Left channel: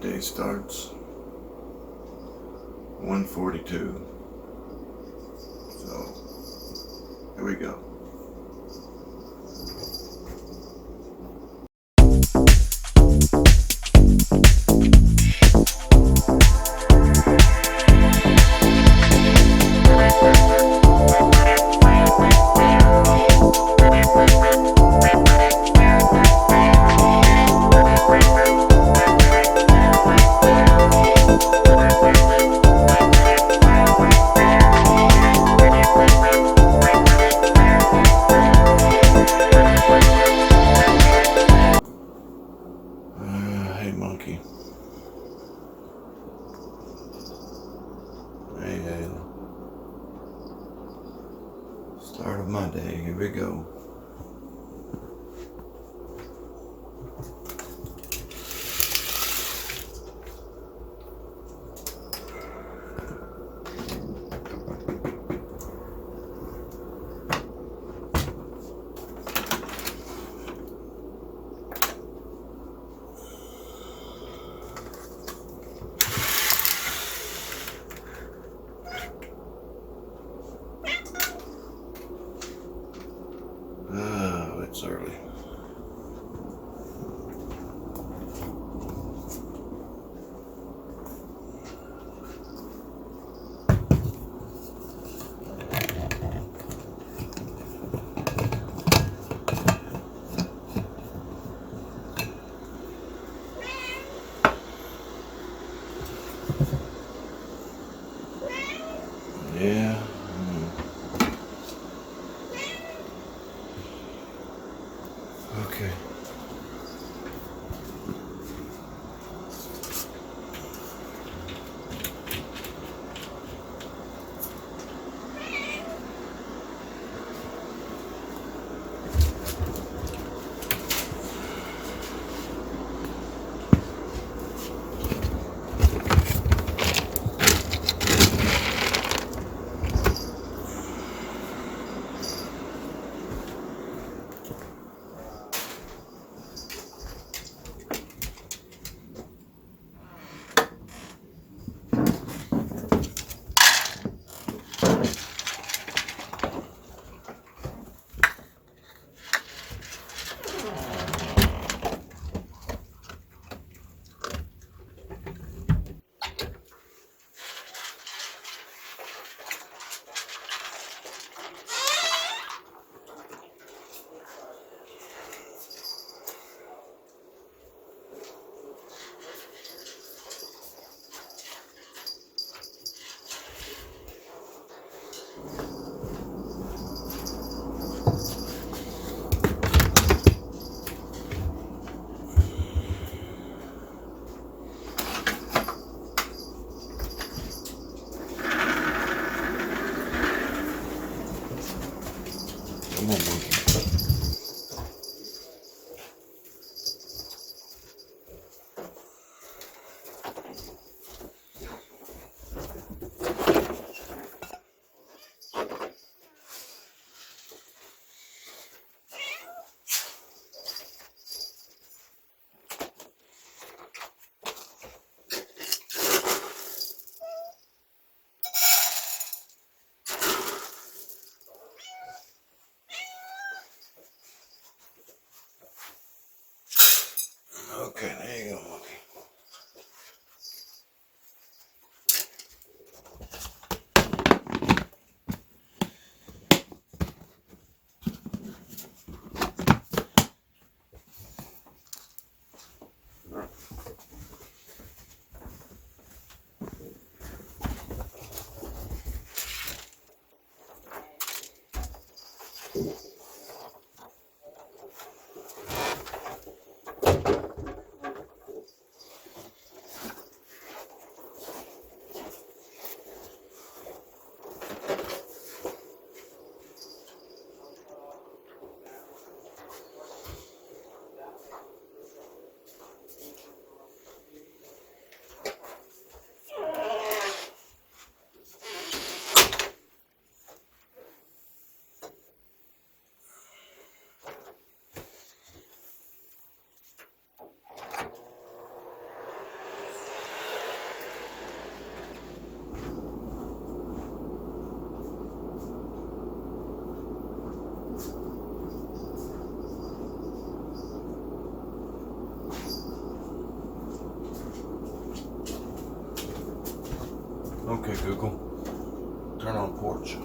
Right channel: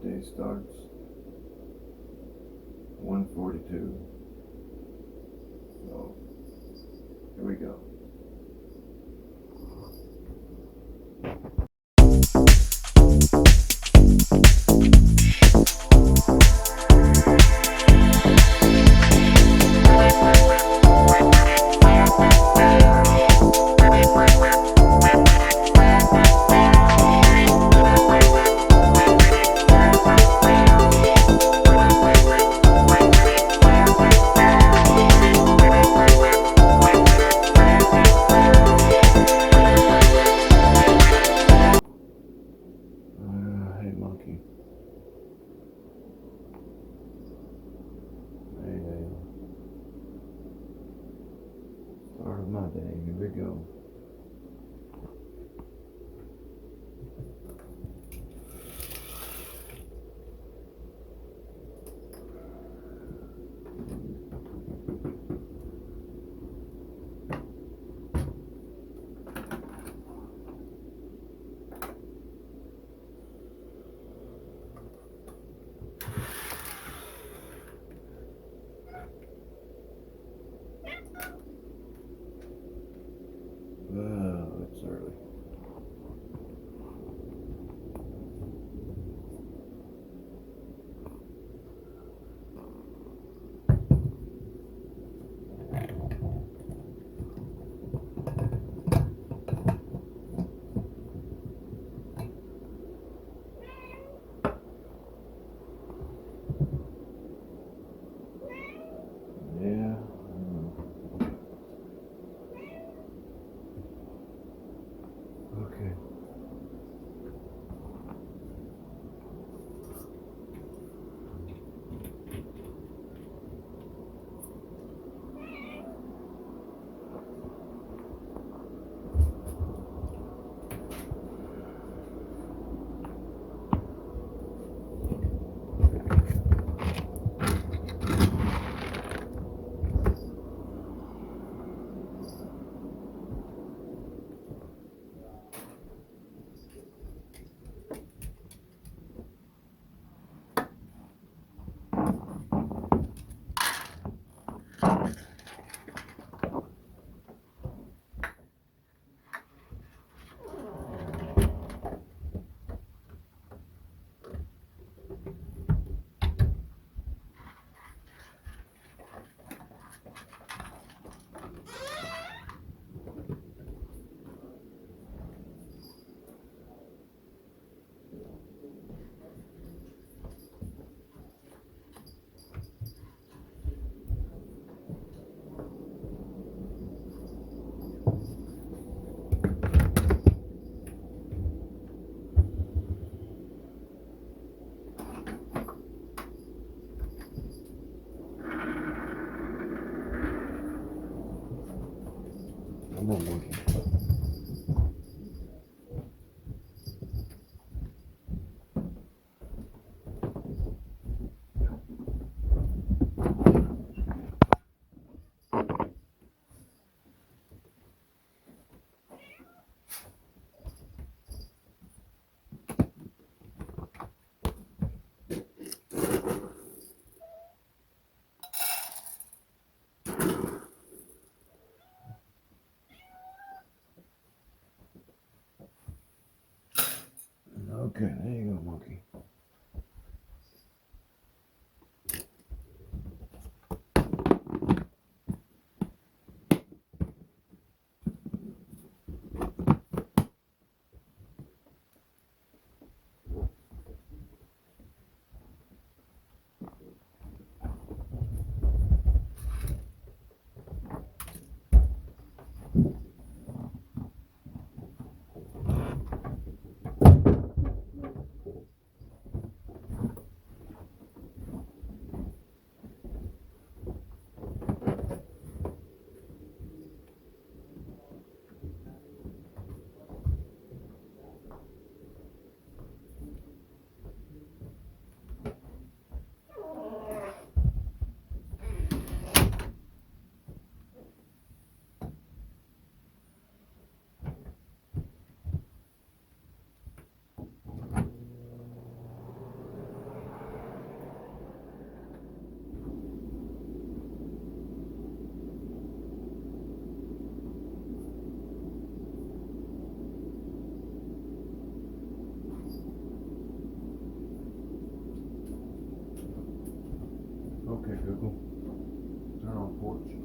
day starts 1:42. So here we go. Hey monkey. Hey, start of my day. Here we go. Oh, it's early. Yeah. Okay. Come on, monkey. Okay, there you go, monkey. Google. Turn on porch.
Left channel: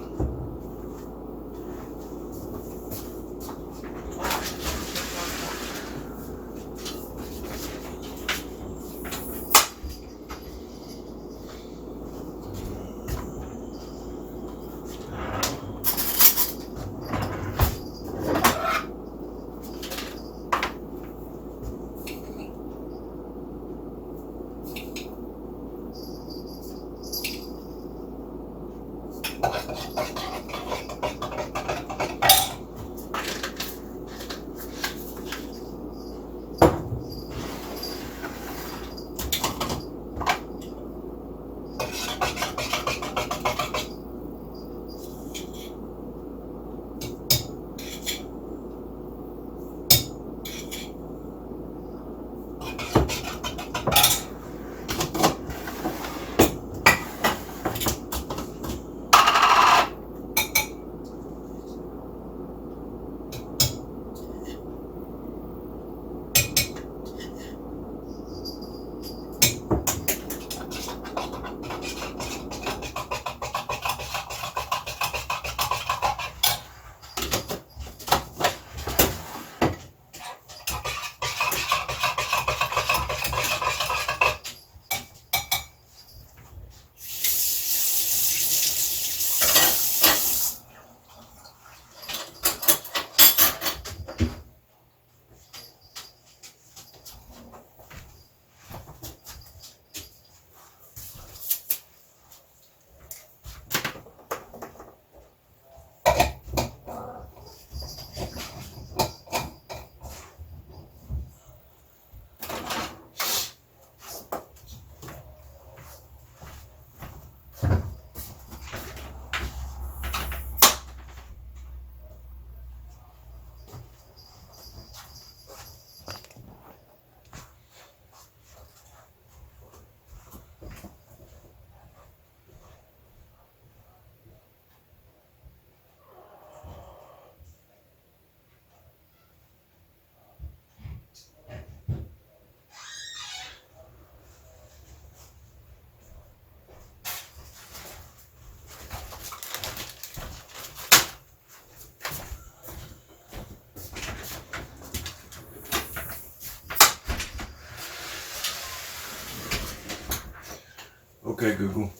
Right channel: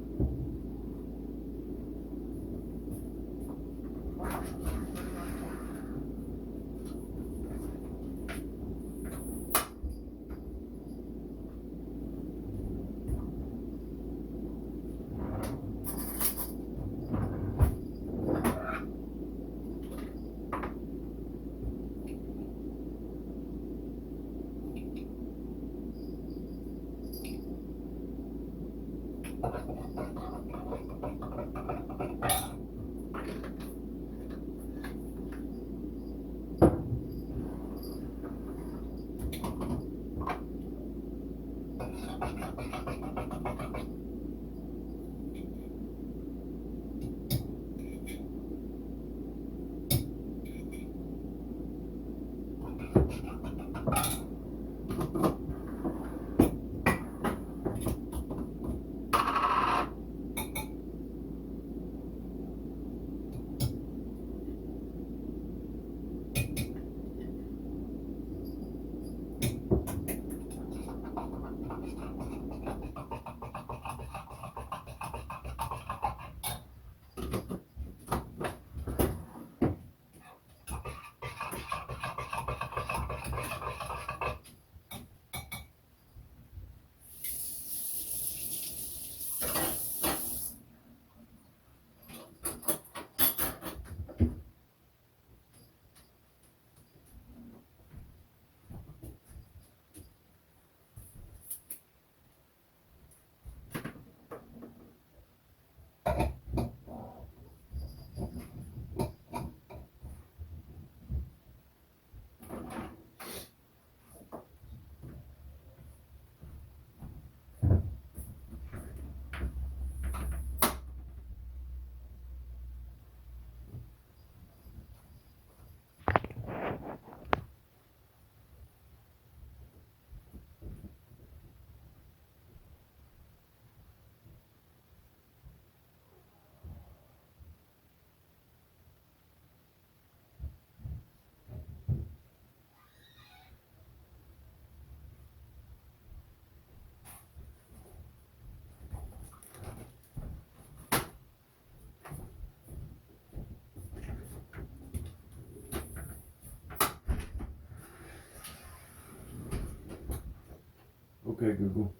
Okay, Google.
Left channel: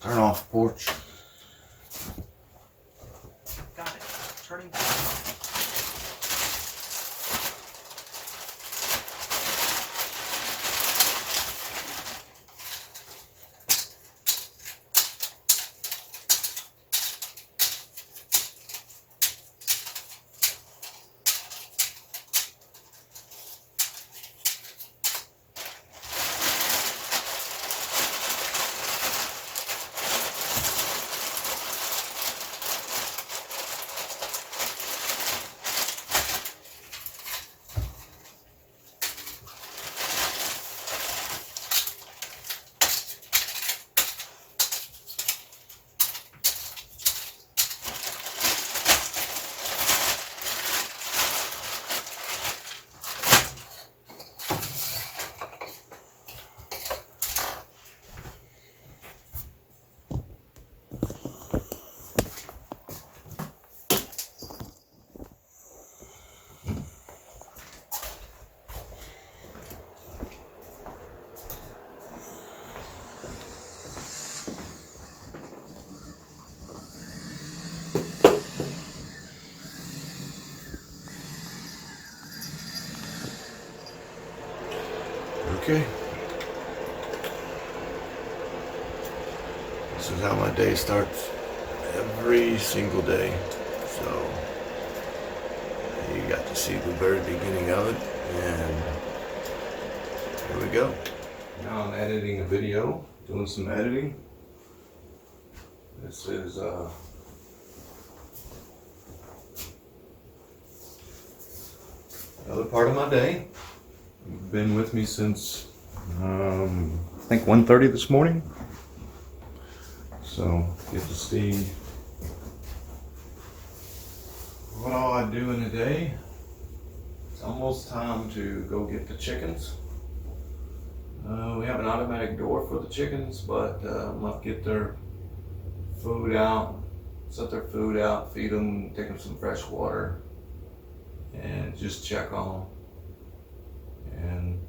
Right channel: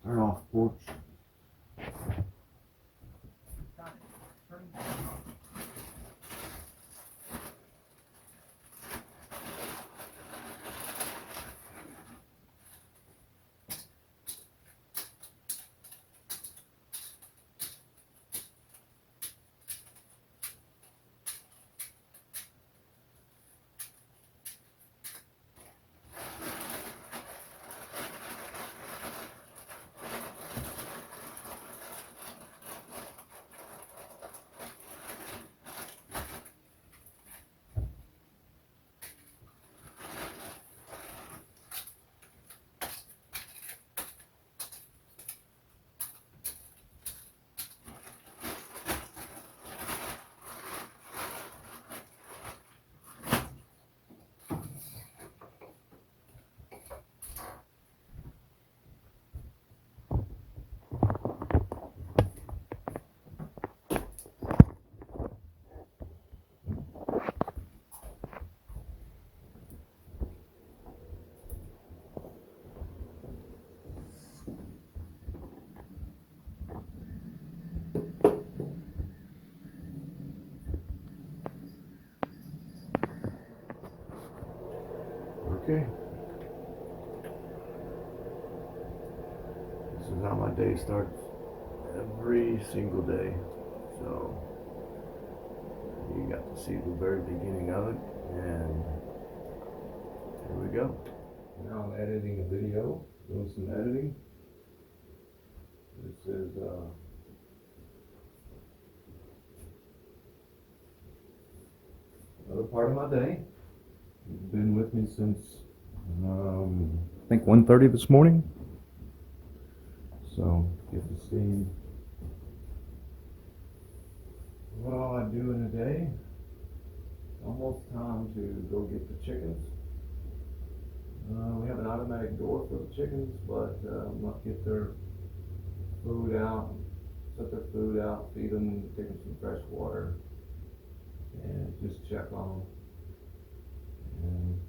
Turn off porch. Got it. Turning back. Okay. This is how my day starts every single day. So you got to see the very beginning of it, and here we go. Now I'm editing a video, doing some editing. This is another part of my day. You've been with me since I think 1:30 this morning. So get to see what all I do in a day. It's almost time to go get the chickens. We have an automatic door for the chickens, but I'm gonna get their food out, set their food out, feed them, take them some fresh water, and just check on them. And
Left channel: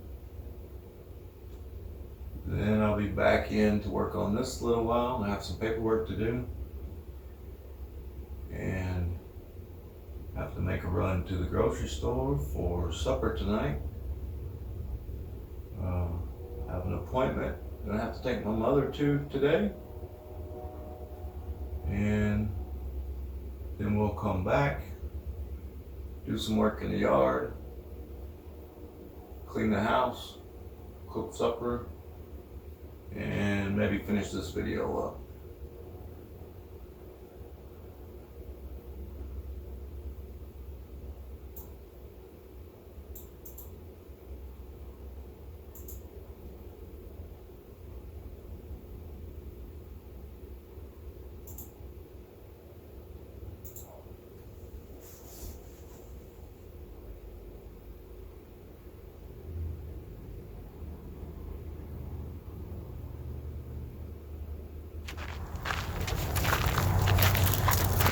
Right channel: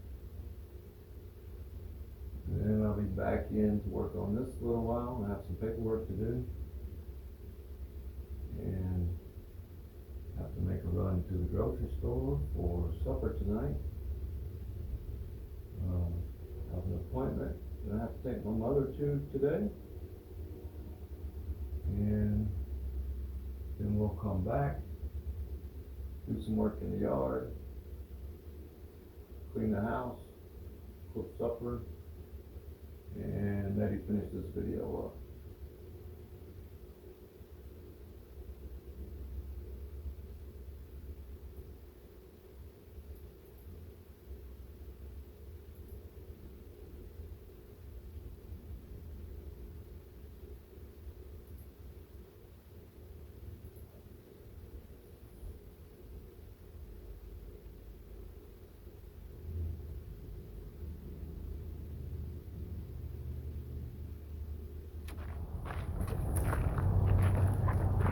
then I'll be back in to work on this a little while. I have some paperwork to do, and have to make a run to the grocery store for supper tonight. I have an appointment that I have to take my mother to today, and then we'll come back, do some work in the yard, clean the house, cook supper, and maybe finish this video up.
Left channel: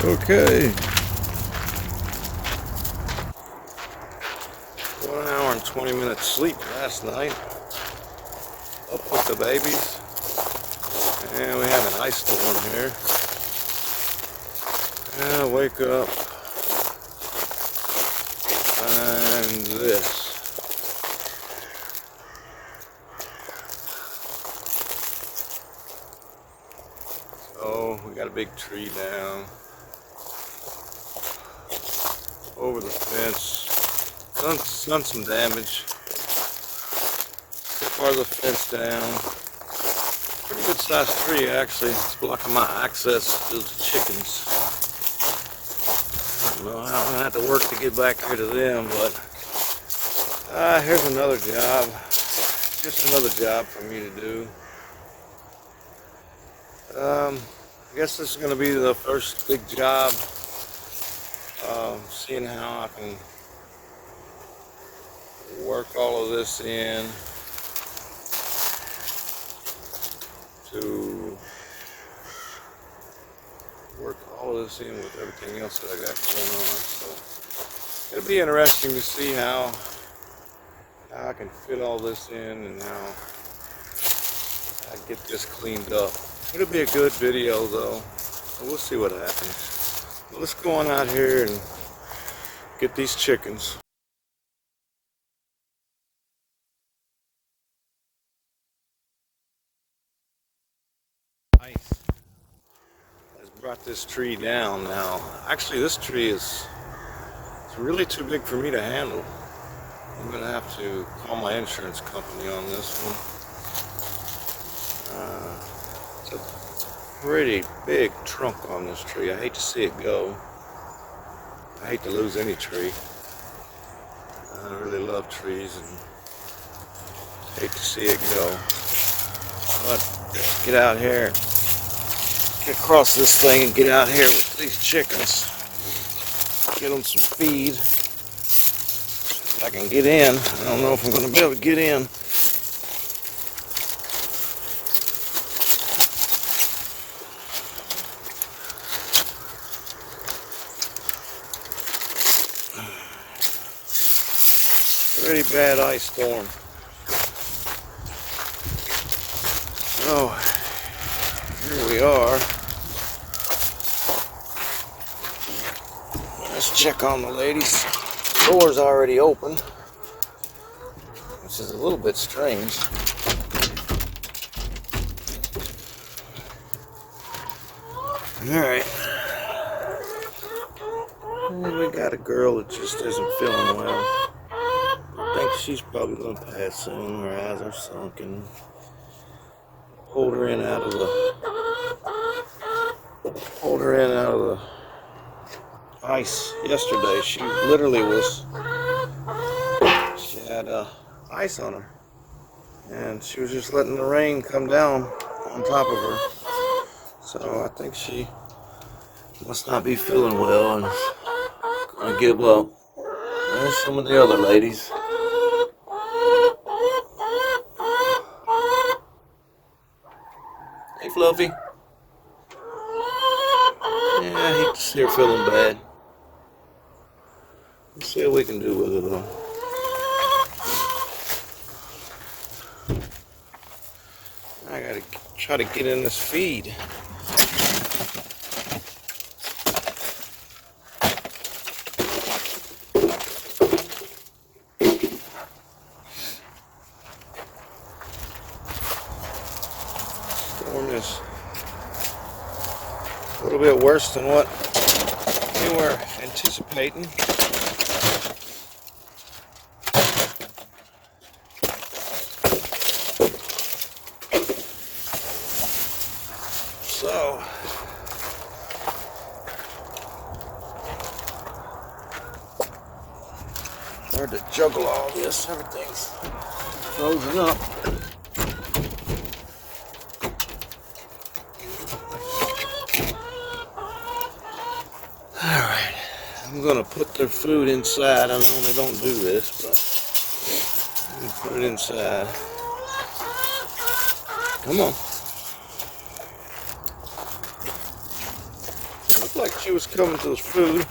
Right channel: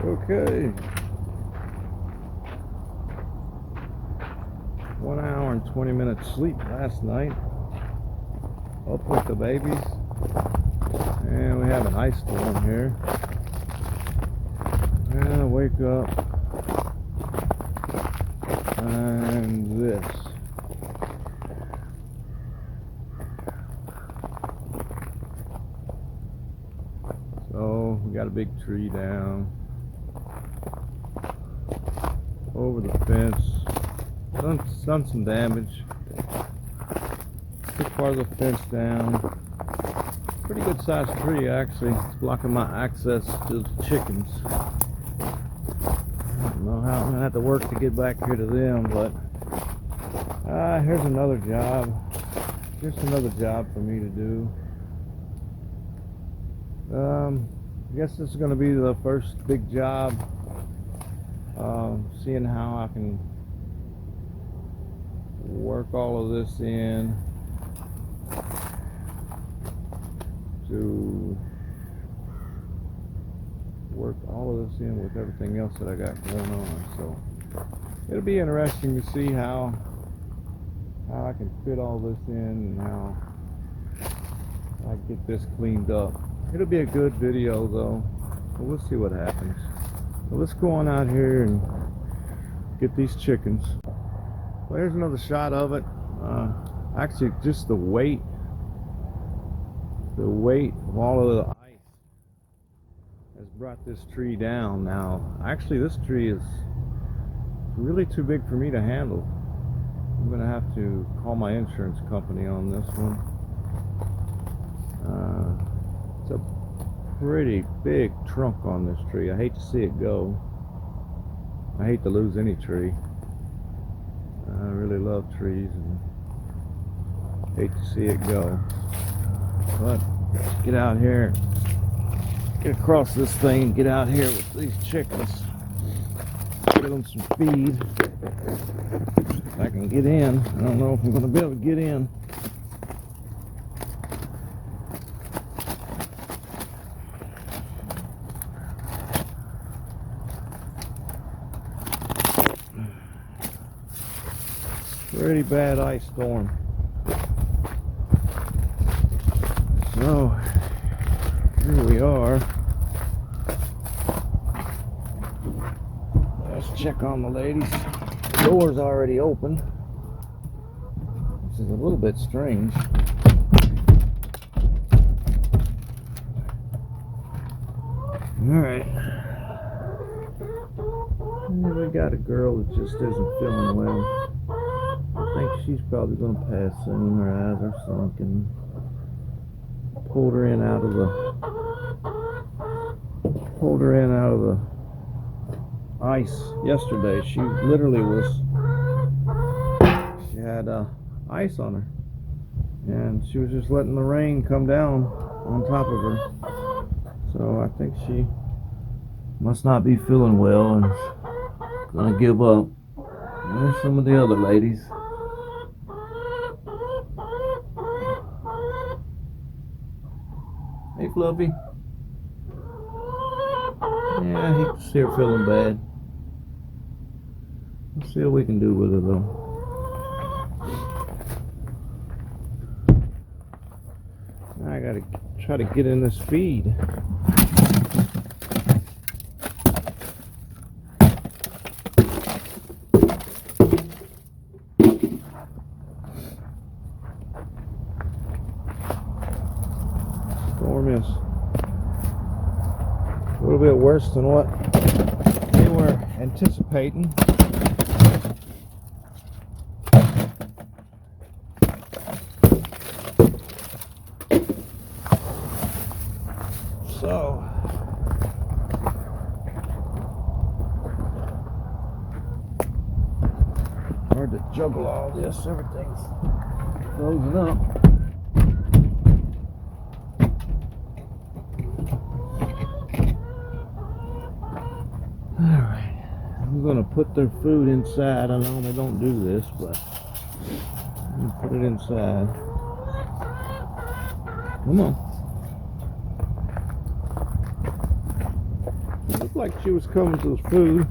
Okay. 1 hour and 20 minutes sleep last night. Up with the babies. And we have an ice storm here. And I wake up. And this. So we got a big tree down over the fence. Done some damage. Took part of the fence down. Pretty good sized tree actually. It's blocking my access to the chickens. I don't know how I'm gonna have to work to get back here to them, but here's another job. Just another job for me to do. I guess this is gonna be the first big job. Seeing how I can work all of this in to work all of this in with everything else that I got going on. So it'll be interesting to see how I can fit all this in and how I get this cleaned up. It'll be a good video though, so we'll see what happens. Well, let's go on out here and get these chickens. Well, here's another shot of it. Actually, just the weight of all of the ice has brought this tree down now. Actually, this tree it's really too big for me to handle. I'm gonna have to call my insurance company on this one. It's a pretty big trunk on this tree. I hate to see it go. I hate to lose any tree. I really love trees and hate to see it go. But get out here, get across this thing and get out here with these chickens. Get them some feed. I can get in. I don't know if I'm going to be able to get in. Pretty bad ice storm. Oh, here we are. Let's check on the ladies. The door's already open, which is a little bit strange. Alright. We got a girl that just isn't feeling well. I think she's probably going to pass soon. Her eyes are sunken. Pulled her in out of the ice yesterday. She literally she had ice on her, and she was just letting the rain come down on top of her. So I think she must not be feeling well and gonna give up. There's some of the other ladies. Hey, Fluffy. Yeah, I hate to see her feeling bad. Let's see what we can do with her though. I gotta try to get in this feed. Storm is a little bit worse than what we were anticipating. So hard to juggle all this. Everything's frozen up. Alright, I'm gonna put their food inside. I normally don't do this, but I'm gonna put it inside. Come on. It looked like she was coming to the food.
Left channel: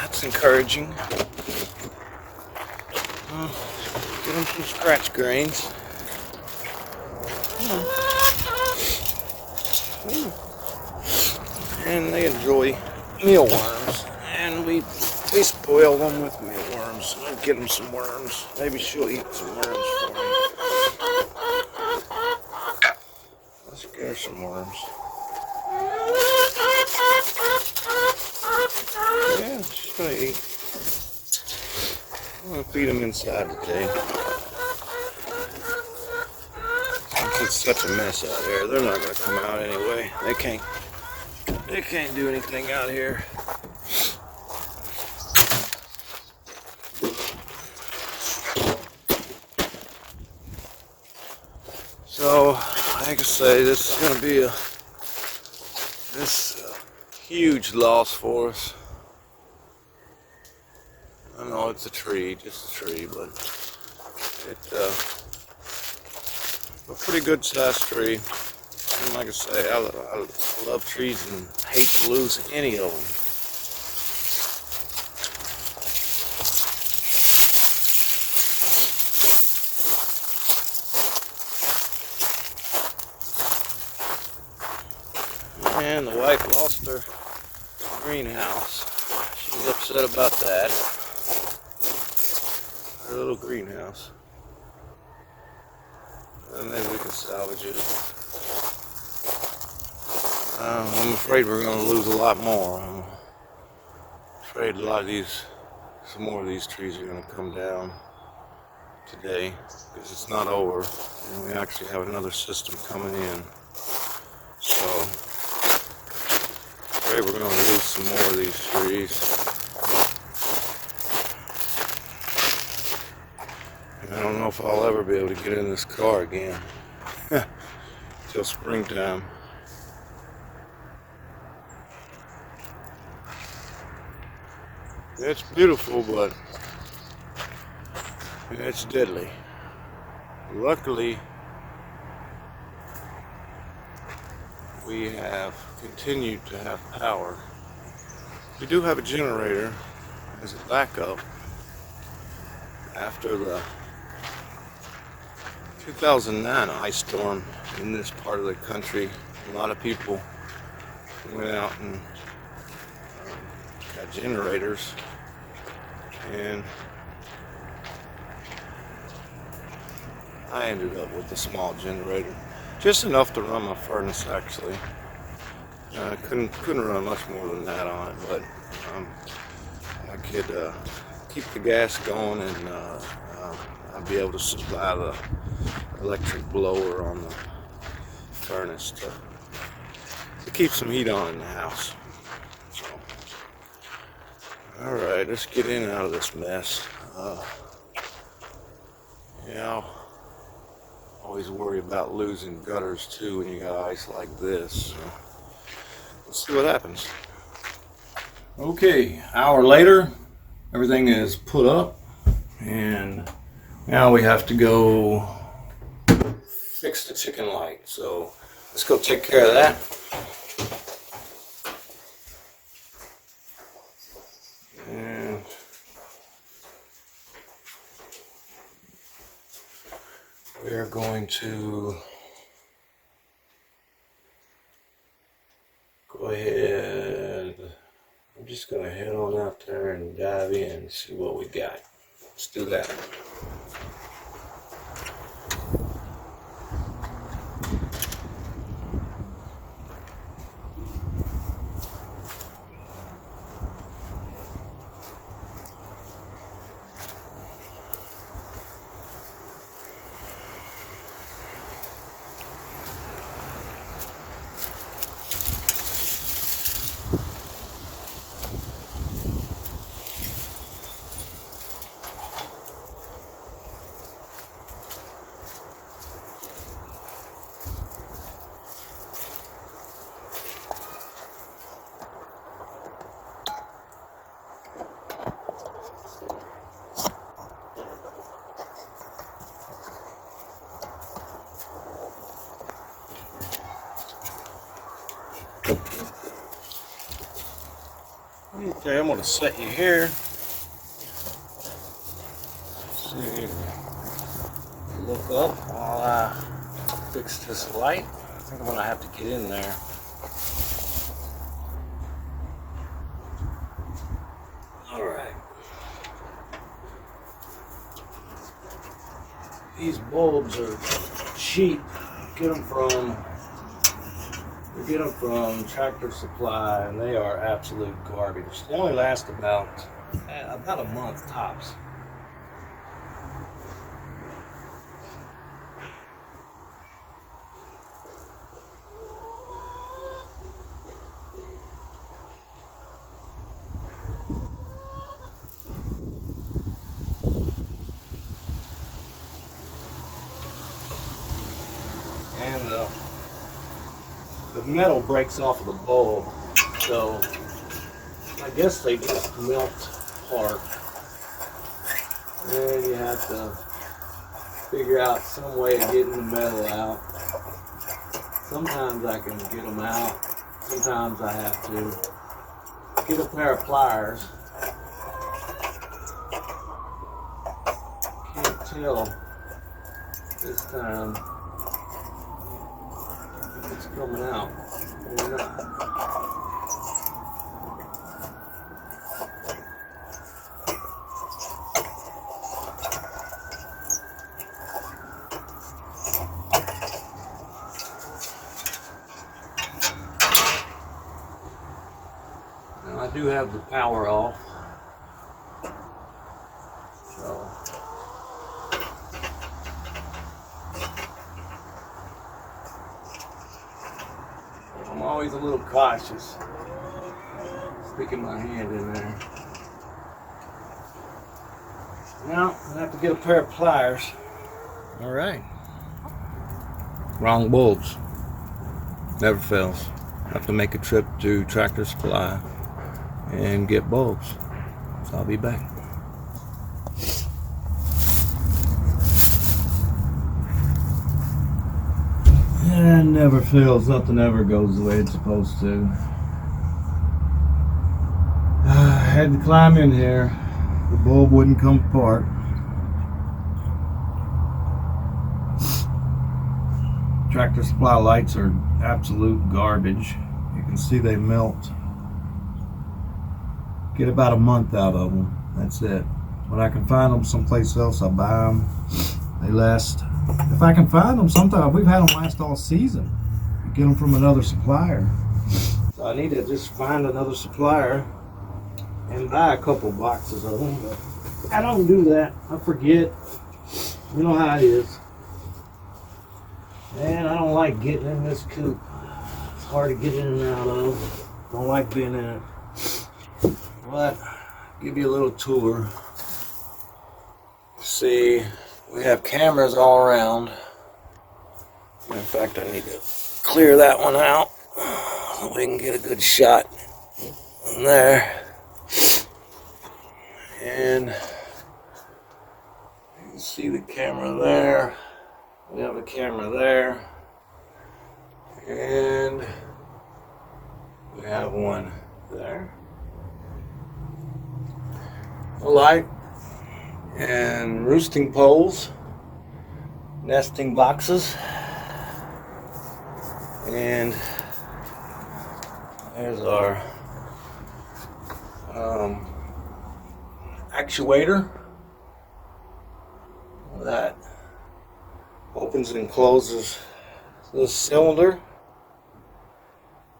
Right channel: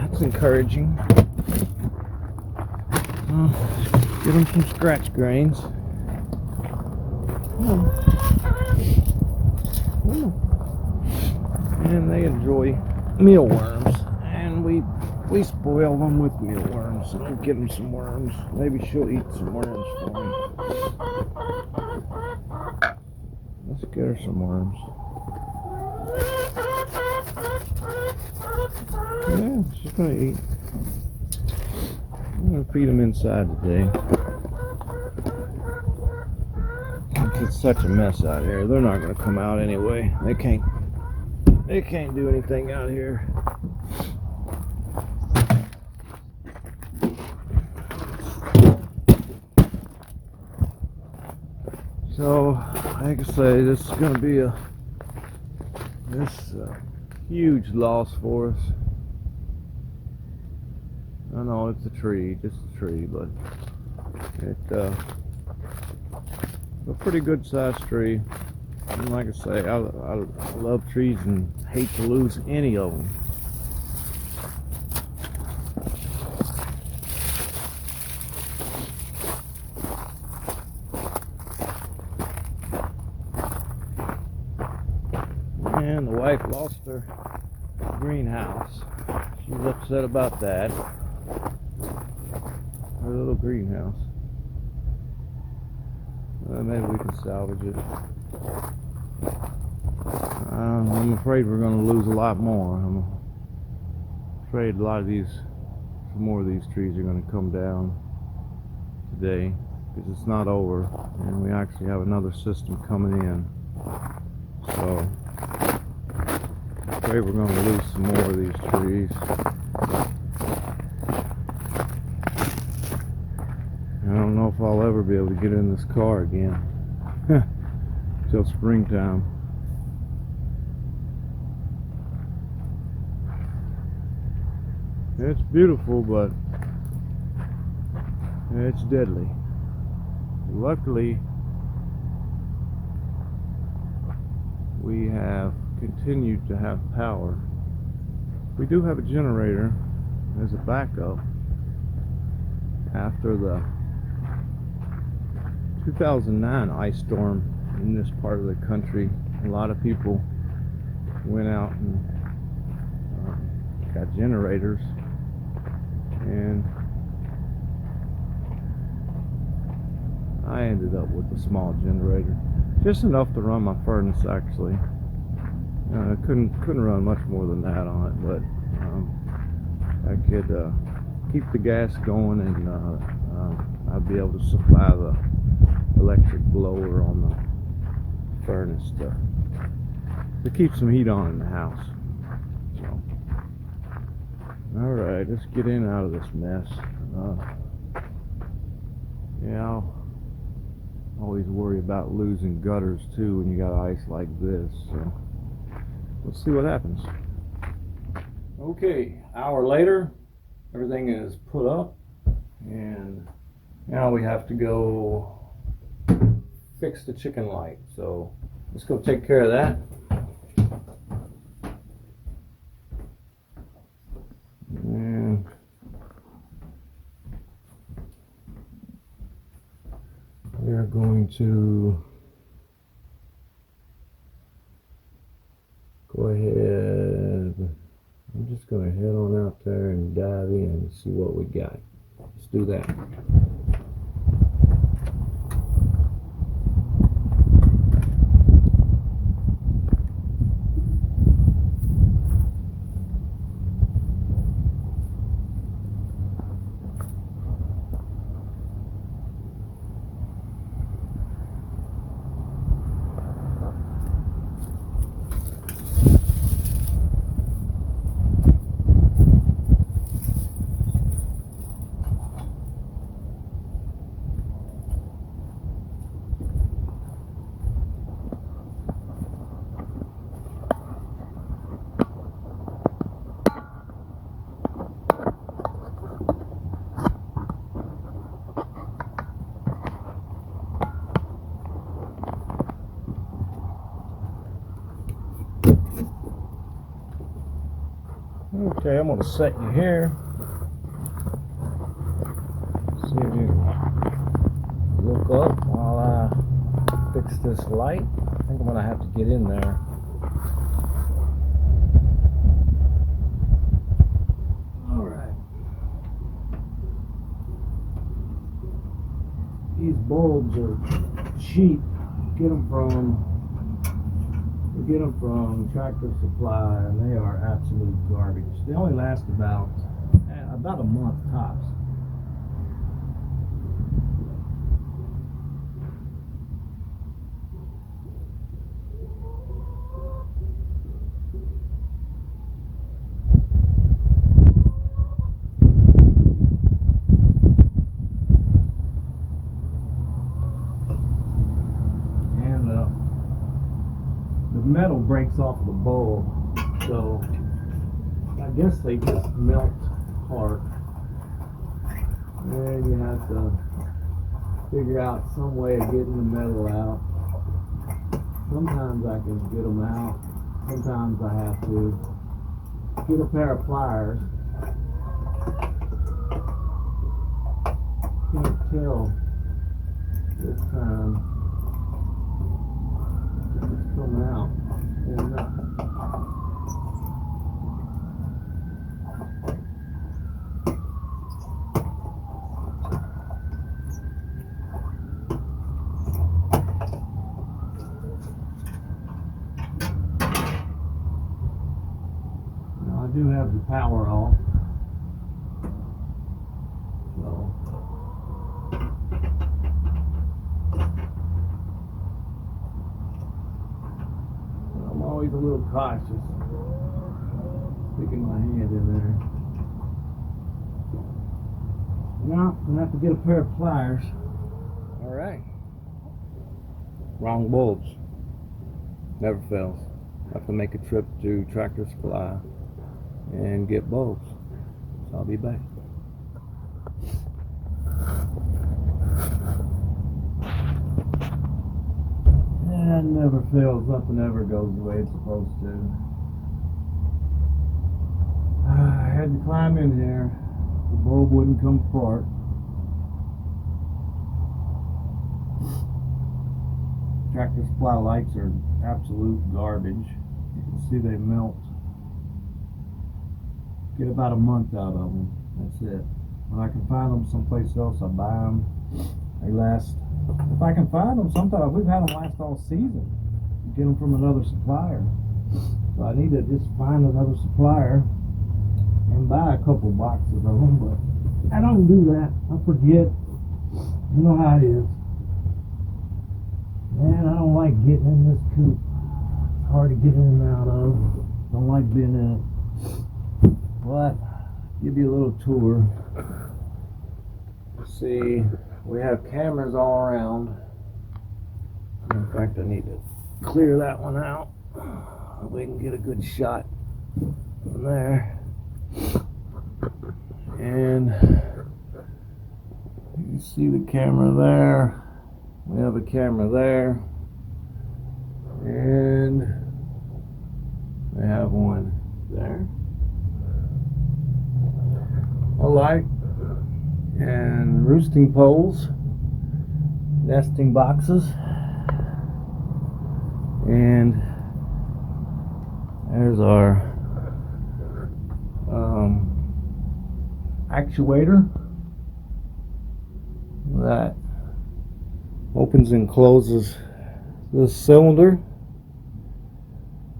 That's encouraging. Get them some scratch grains. Come on. Come on. And they enjoy mealworms, and we spoil them with mealworms. I'll get them some worms. Maybe she'll eat some worms for me. Let's get her some worms. Yeah, she's gonna eat. I'm gonna feed them inside today. Since it's such a mess out here, they're not gonna come out anyway. They can't do anything out here. So, like I say, this is going to be a huge loss for us. I know it's a tree, just a tree, but it's a pretty good sized tree. And like I say, I love trees and hate to lose any of them. And the wife lost her greenhouse. She's upset about that. Her little greenhouse. Maybe we can salvage it. I'm afraid we're going to lose a lot more. I'm afraid some more of these trees are going to come down today, because it's not over, and we actually have another system coming in. So I'm afraid we're going to lose some more of these trees. And I don't know if I'll ever be able to get in this car again till springtime. It's beautiful, but it's deadly. Luckily, we have continued to have power. We do have a generator as a backup after the 2009 ice storm in this part of the country. A lot of people went out and got generators, and I ended up with a small generator, just enough to run my furnace. Actually, I couldn't run much more than that on it, but I could keep the gas going, and I'd be able to supply the electric blower on the furnace to keep some heat on in the house. So, all right, let's get in and out of this mess. Yeah, I always worry about losing gutters too when you got ice like this. So let's see what happens. Okay, hour later, everything is put up, and now we have to go fix the chicken light. So let's go take care of that. are going to go ahead. I'm just going to head on out there and dive in and see what we got. Let's do that. Okay, I'm going to set you here. See if you can look up while I fix this light. I think I'm going to have to get in there. Alright. These bulbs are cheap. Get them from Tractor Supply, and they are absolute garbage. They only last about a month tops. And the metal breaks off of the bulb, so I guess they just melt apart. And you have to figure out some way of getting the metal out. Sometimes I can get them out. Sometimes I have to get a pair of pliers. Can't tell this time if it's coming out or not. Now I do have the power off, so I'm always a little cautious sticking my hand in there. Now I'm gonna have to get a pair of pliers. All right. Wrong bulbs. Never fails. Have to make a trip to Tractor Supply and get bulbs. So I'll be back. Yeah, it never fails. Nothing ever goes the way it's supposed to. I had to climb in here. The bulb wouldn't come apart. Tractor Supply lights are absolute garbage. You can see they melt. Get about a month out of them. That's it. When I can find them someplace else, I buy them. They last. If I can find them, sometimes we've had them last all season. Get them from another supplier. So I need to just find another supplier and buy a couple boxes of them. But I don't do that. I forget. You know how it is. Man, I don't like getting in this coop. It's hard to get in and out of. Don't like being in it. But give you a little tour. See, we have cameras all around. In fact, I need to clear that one out so we can get a good shot in there. And you can see the camera there. We have a camera there. And we have one there. A light and roosting poles. nesting boxes, and there's our actuator that opens and closes this cylinder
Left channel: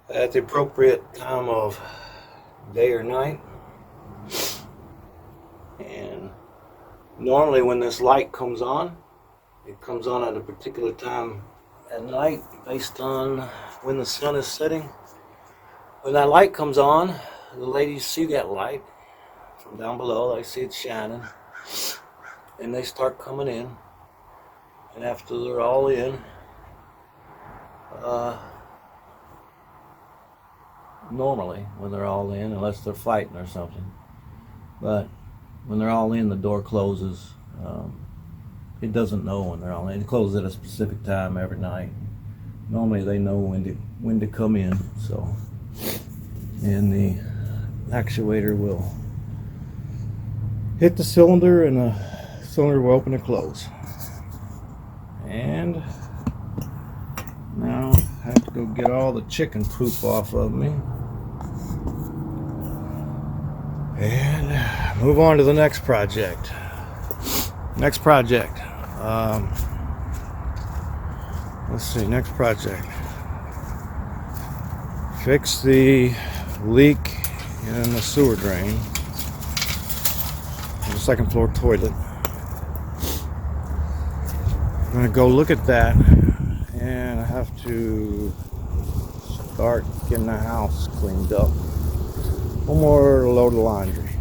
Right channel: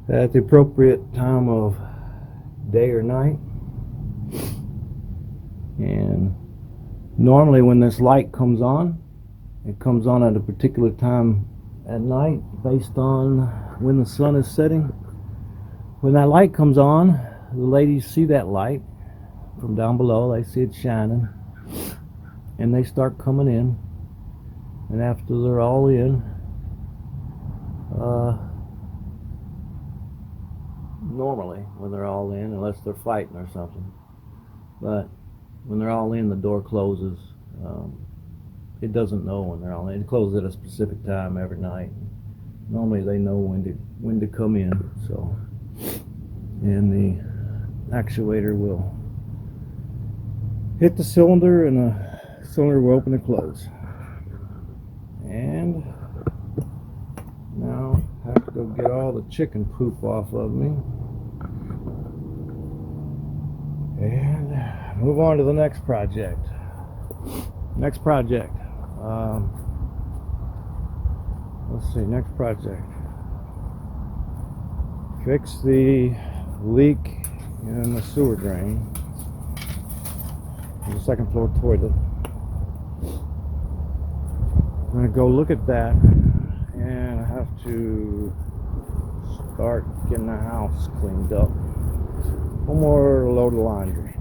at the appropriate time of day or night. And normally when this light comes on, it comes on at a particular time at night based on when the sun is setting. When that light comes on, the ladies see that light from down below. They see it shining, and they start coming in. And after they're all in, normally when they're all in, unless they're fighting or something, but when they're all in, the door closes. It doesn't know when they're all in. It closes at a specific time every night. Normally they know when to come in. So, and the actuator will hit the cylinder, and the cylinder will open and close. And now I have to go get all the chicken poop off of me and move on to the next project. Next project. Let's see, next project. Fix the leak in the sewer drain in the second floor toilet. I'm gonna go look at that, and I have to start getting the house cleaned up. One more load of laundry,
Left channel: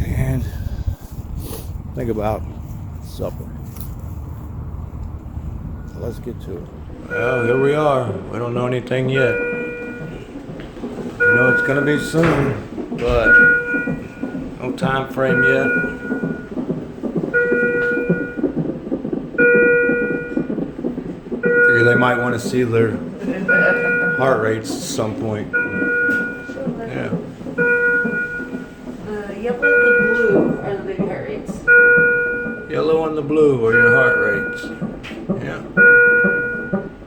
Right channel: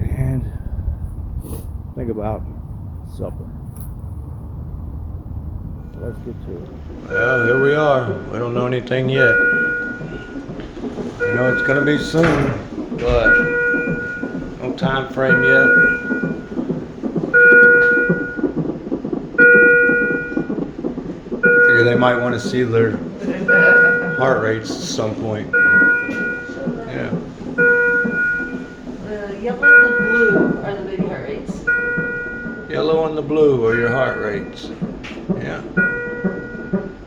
and think about supper. Let's get to it. Well, here we are. We don't know anything yet. We know it's gonna be soon, but no time frame yet. Figure they might want to see their heart rates at some point. Yeah. The yellow and the blue are the baby heart rates. Yellow and the blue are your heart rates. Yeah.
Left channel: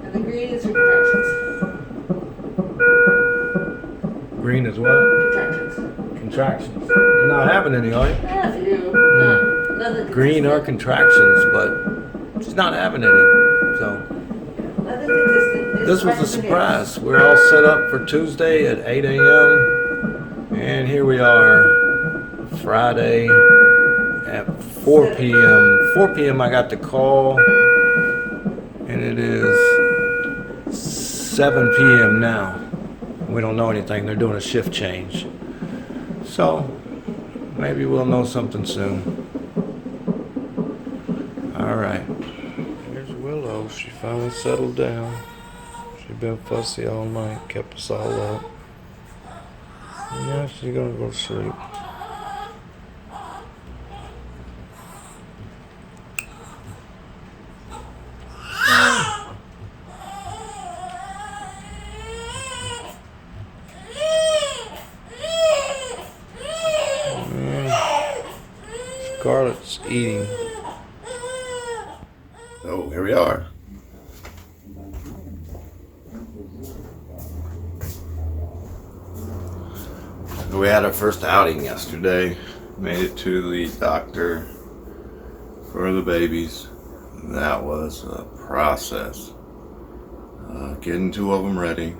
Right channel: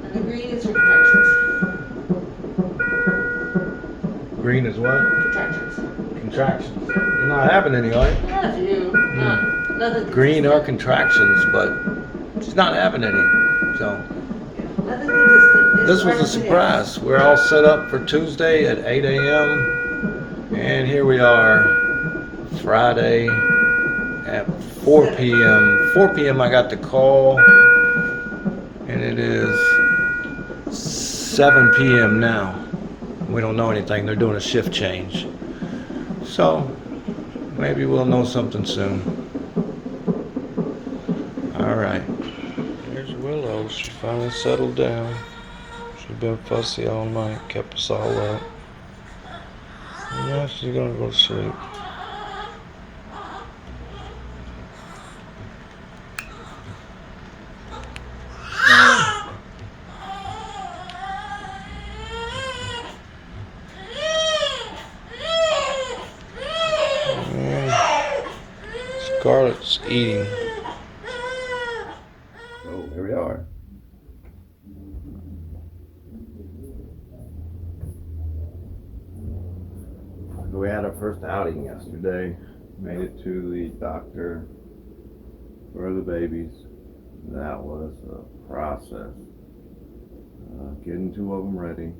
And the green is your contractions. Green is what? Contractions. Contractions. You're not having any, are you? Yeah, a few. Nothing Green are consistent. contractions, but she's not having any. So Nothing consistent. this was a surprise. We're all set up for Tuesday at 8 a.m. and here we are Friday at 4 p.m. 4 p.m. I got the call, and it is 7 p.m. now. We don't know anything. They're doing a shift change. So maybe we'll know something soon. All right. There's Willow. She finally settled down. She's been fussy all night, kept us all up. Yeah, she's gonna go to sleep. Scarlett's eating. Oh, here we are. We had our first outing yesterday. Made it to the doctor for the babies. That was a process. Getting two of them ready.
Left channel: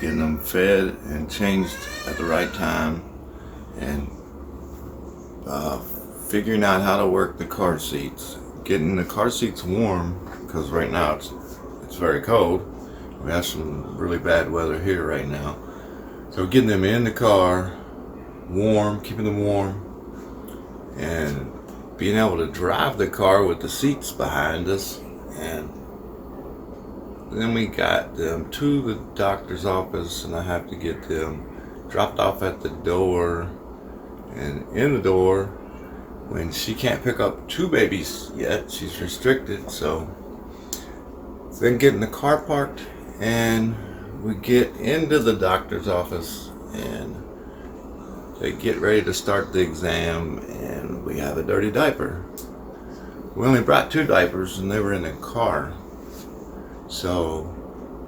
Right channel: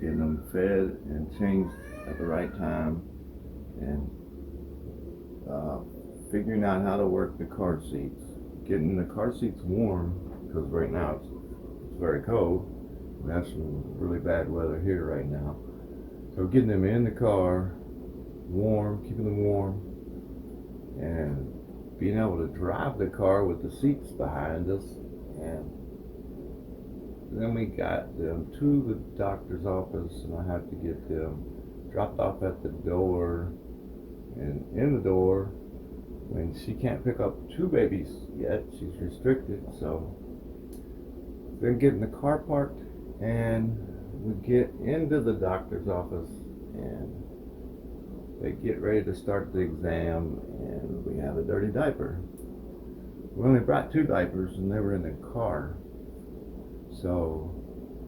Getting them fed and changed at the right time. And figuring out how to work the car seats. Getting the car seats warm, because right now it's very cold. We have some really bad weather here right now. So getting them in the car, warm, keeping them warm, and being able to drive the car with the seats behind us. And then we got them to the doctor's office, and I have to get them dropped off at the door. And in the door, when she can't pick up two babies yet, she's restricted. So then getting the car parked, and we get into the doctor's office, and they get ready to start the exam, and we have a dirty diaper. We only brought 2 diapers and they were in the car. So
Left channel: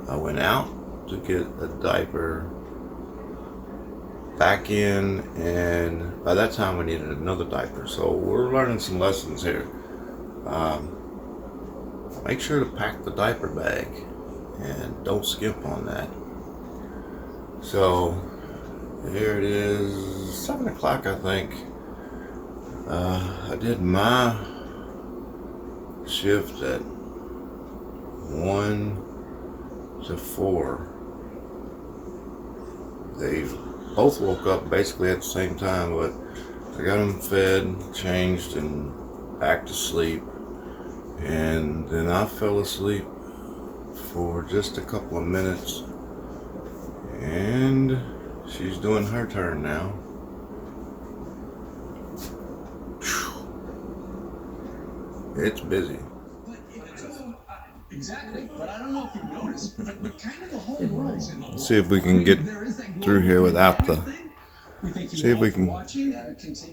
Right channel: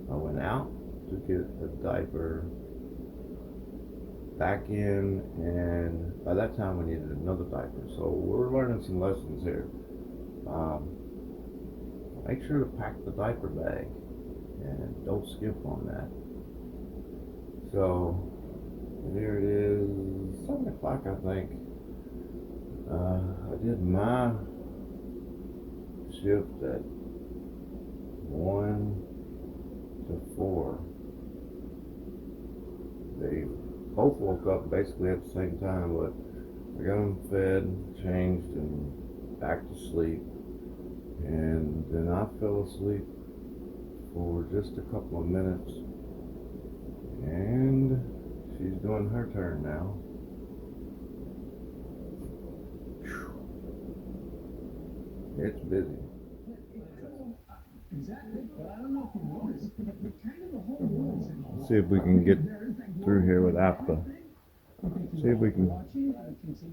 I went out to get a diaper back in, and by that time we needed another diaper. So we're learning some lessons here. Make sure to pack the diaper bag and don't skimp on that. So here it is, 7 o'clock I think. I did my shift at 1 to 4. They both woke up basically at the same time, but I got them fed, changed, and back to sleep. And then I fell asleep for just a couple of minutes, and she's doing her turn now. It's busy. Exactly, but I don't know if you noticed, but kind of the whole world's in. Let's see if we can get through here without the. See if we can.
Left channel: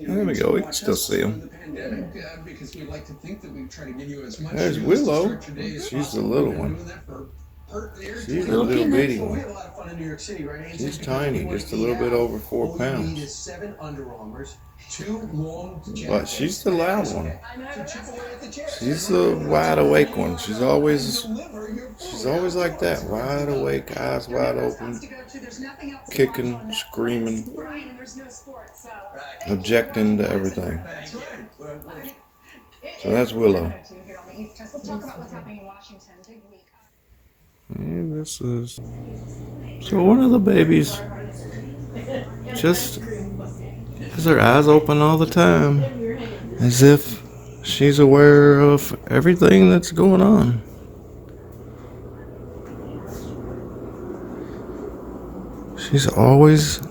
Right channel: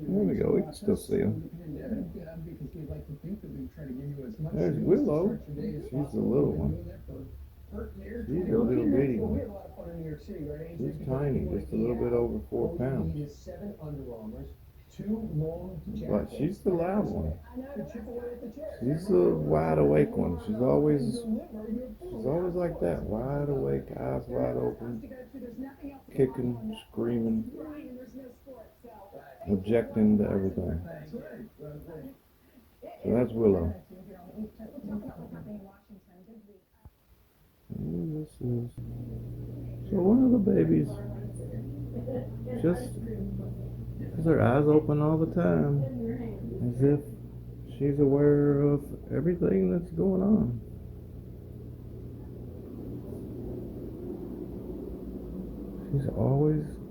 There we go. We can still see them. Because we'd like to think that we try to give you as much. There's Willow. She's the little one. She's a little bitty one. She's tiny, just a little bit over 4 pounds. But she's the loud one. She's the wide awake one. She's always like that, wide awake, eyes wide open, kicking, screaming, objecting to everything. So that's Willow. And this is, so one of the babies just has her eyes open all the time, as if she's aware of everything that's going on. She's always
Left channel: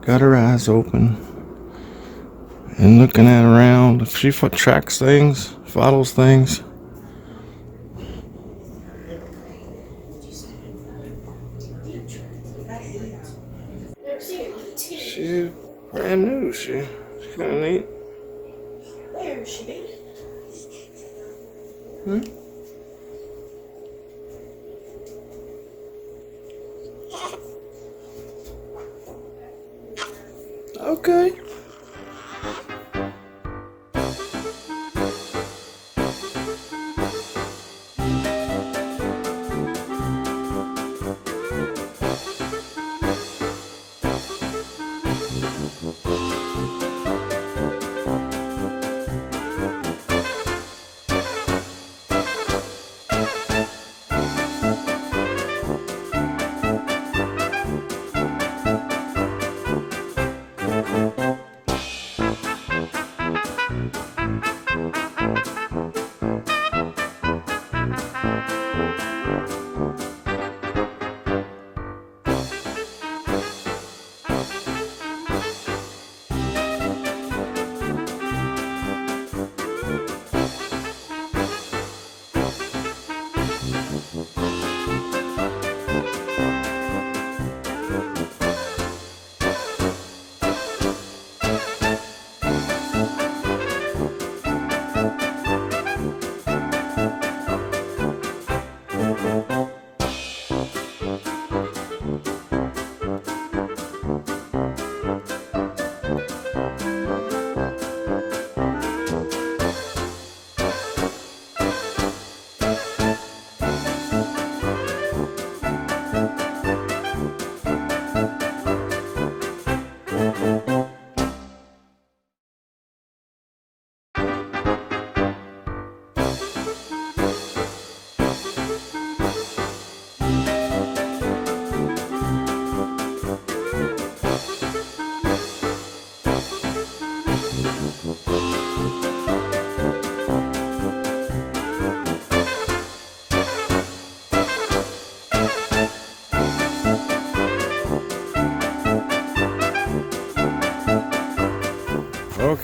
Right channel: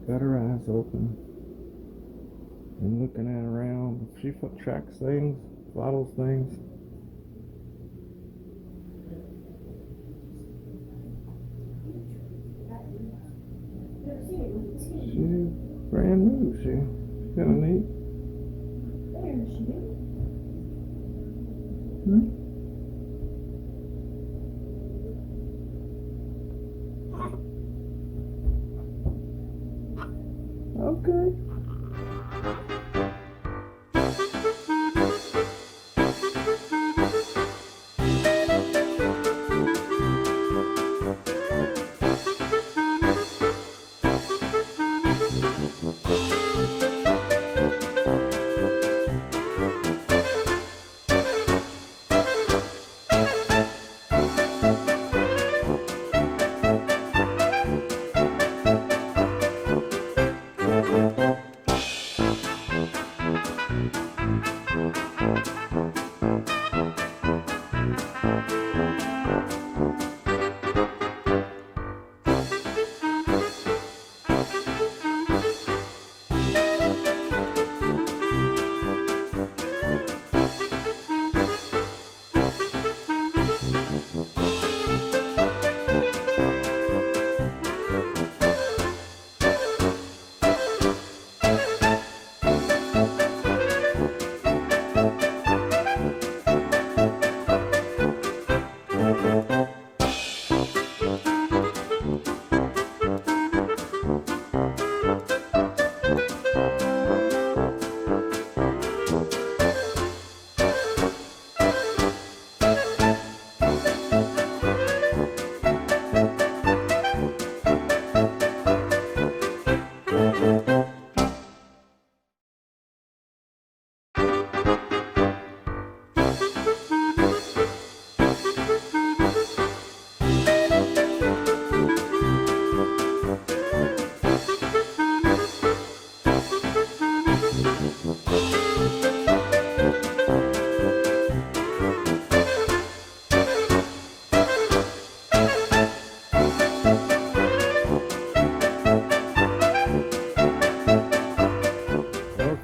got her eyes open and looking at around. If she tracks things, follows things. She's brand new. She's kind of neat. There she be. Okay.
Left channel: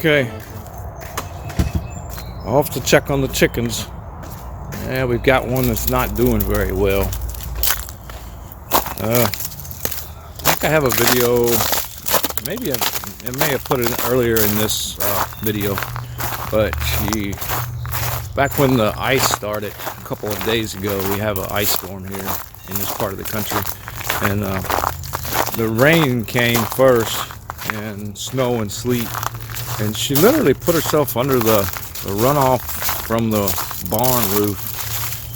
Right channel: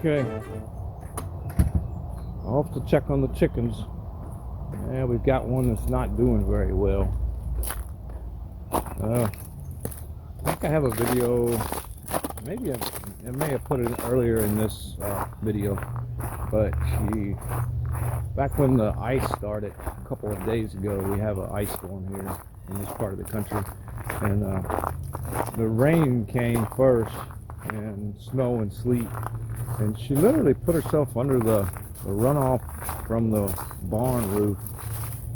Okay, off to check on the chickens. Yeah, we've got one that's not doing very well. I think I have a video, maybe I may have put it earlier in this video, but she Back when the ice started a couple of days ago, we have an ice storm here in this part of the country, and the rain came first, and snow and sleet, and she literally put herself under the runoff from the barn roof,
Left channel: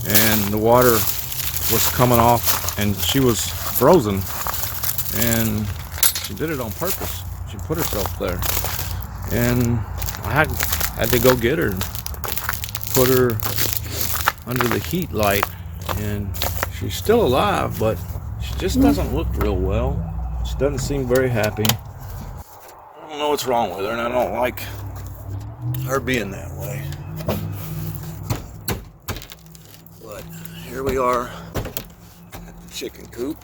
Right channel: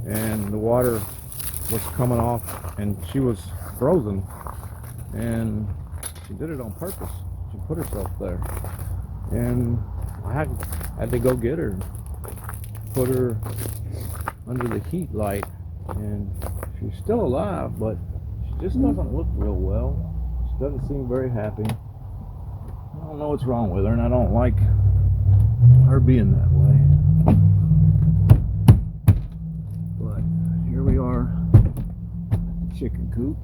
and the water was coming off, and she was frozen, and she did it on purpose. She put herself there, and I had to go get her and put her under the heat light, and she's still alive, but she just doesn't look real well. She doesn't seem very happy. I don't know what's wrong with her, and I don't like her being that way. But here we are at the chicken coop.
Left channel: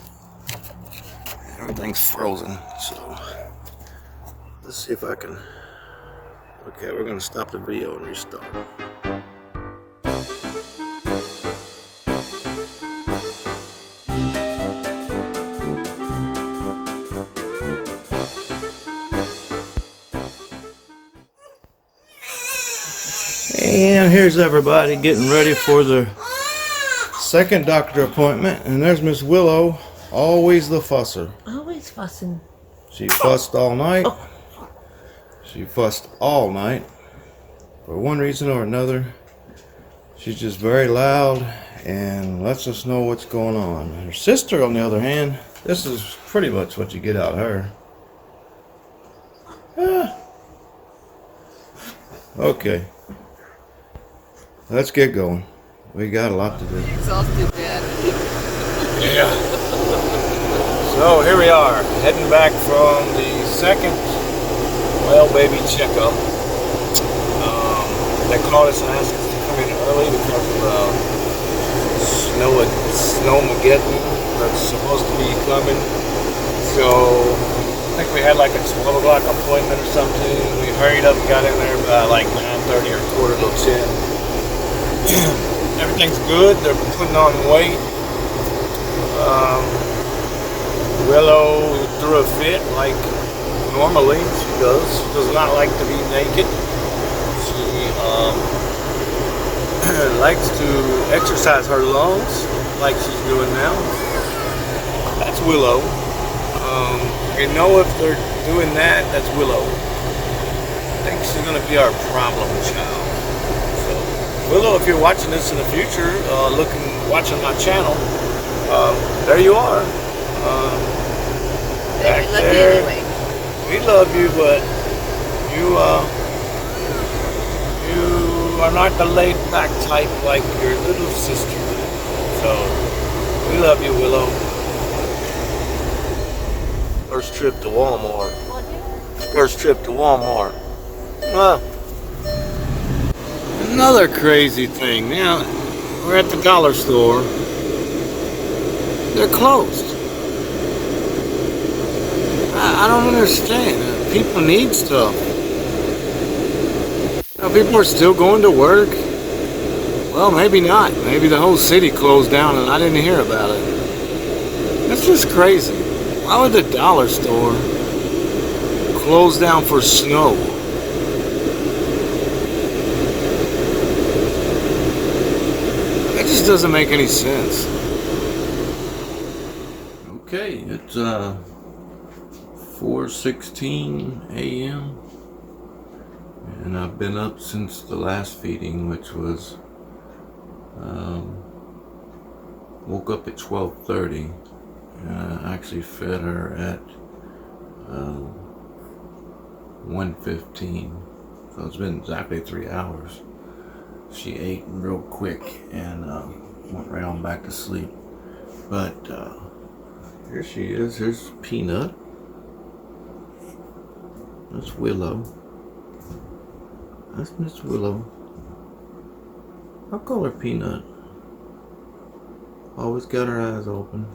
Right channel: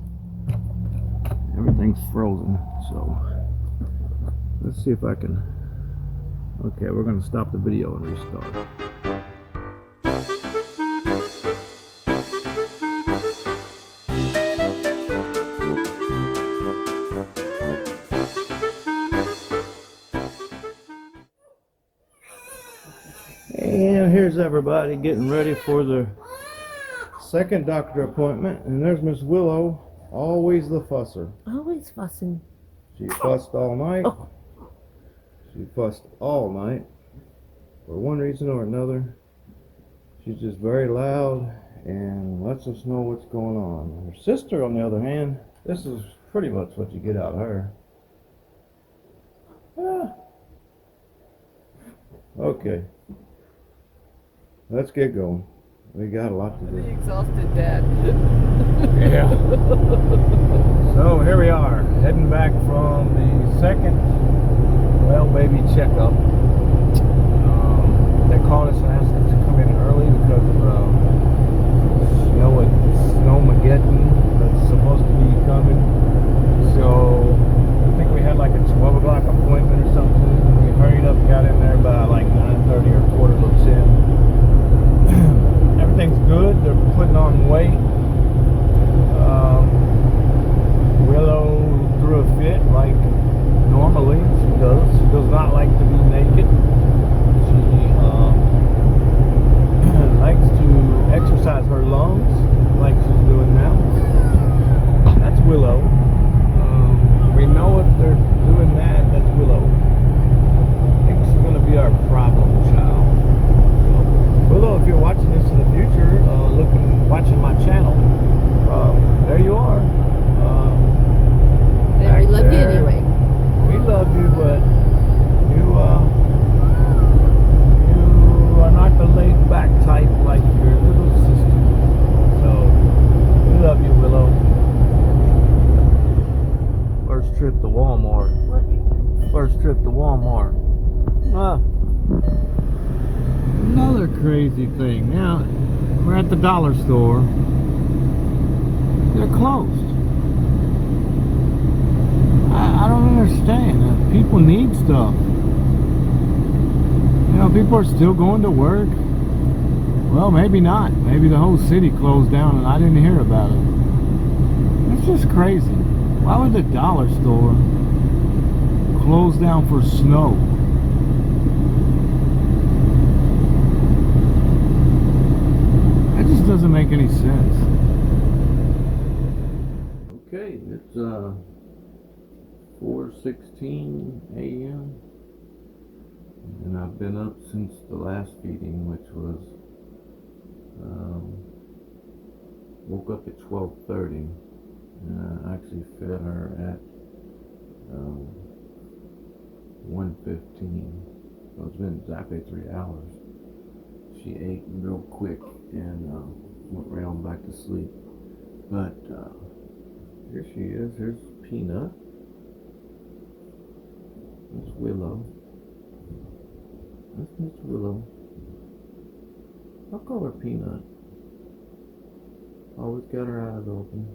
Everything's frozen, so let's see if I can. Okay, we're gonna stop the video and restart. And here's everybody getting ready for the second doctor appointment, and there's Miss Willow, always the fusser. Always fussing. She fussed all night. She fussed all night. For one reason or another, she's just very loud and lets us know what's going on. Her sister, on the other hand, this is pretty much what you get out of her. Okay. Let's get going. We got a lot to do. Exhausted, Dad. Yeah. So here we are, heading back from the second well baby checkup. They called us and asked us to come in early because of snowmageddon that's supposed to be coming. So I think we had like a 12 o'clock appointment or something. We hurried up and got in there by like 9:30 or quarter to 10. Everything's good. They're putting on weight. Willow threw a fit like normally she does. She does not like to be naked. She likes to exercise her lungs like she's doing now. That's Willow. We know if they're doing that, that's Willow. I think she's going to be our problem child. Willow, if you're watching this in the future, watching my channel, there you are. We love you anyway. We love you, but you are not the laid-back type like your little sister. So, we love you, Willow. First trip to Walmart. First trip to Walmart. Another crazy thing. Now, we're at the dollar store. They're closed. I don't understand. People need stuff. You know, people are still going to work. Well, maybe not. Maybe the whole city closed down and I didn't hear about it. That's just crazy. Why would the dollar store close down for snow? That just doesn't make any sense. Okay, it's 4:16 a.m. and I've been up since the last feeding, which was woke up at 12:30. I actually fed her at 1:15, so it's been exactly 3 hours. She ate real quick and went right on back to sleep. But here she is. Here's Peanut. That's Willow. That's Miss Willow. I'll call her Peanut. Always got her eyes open.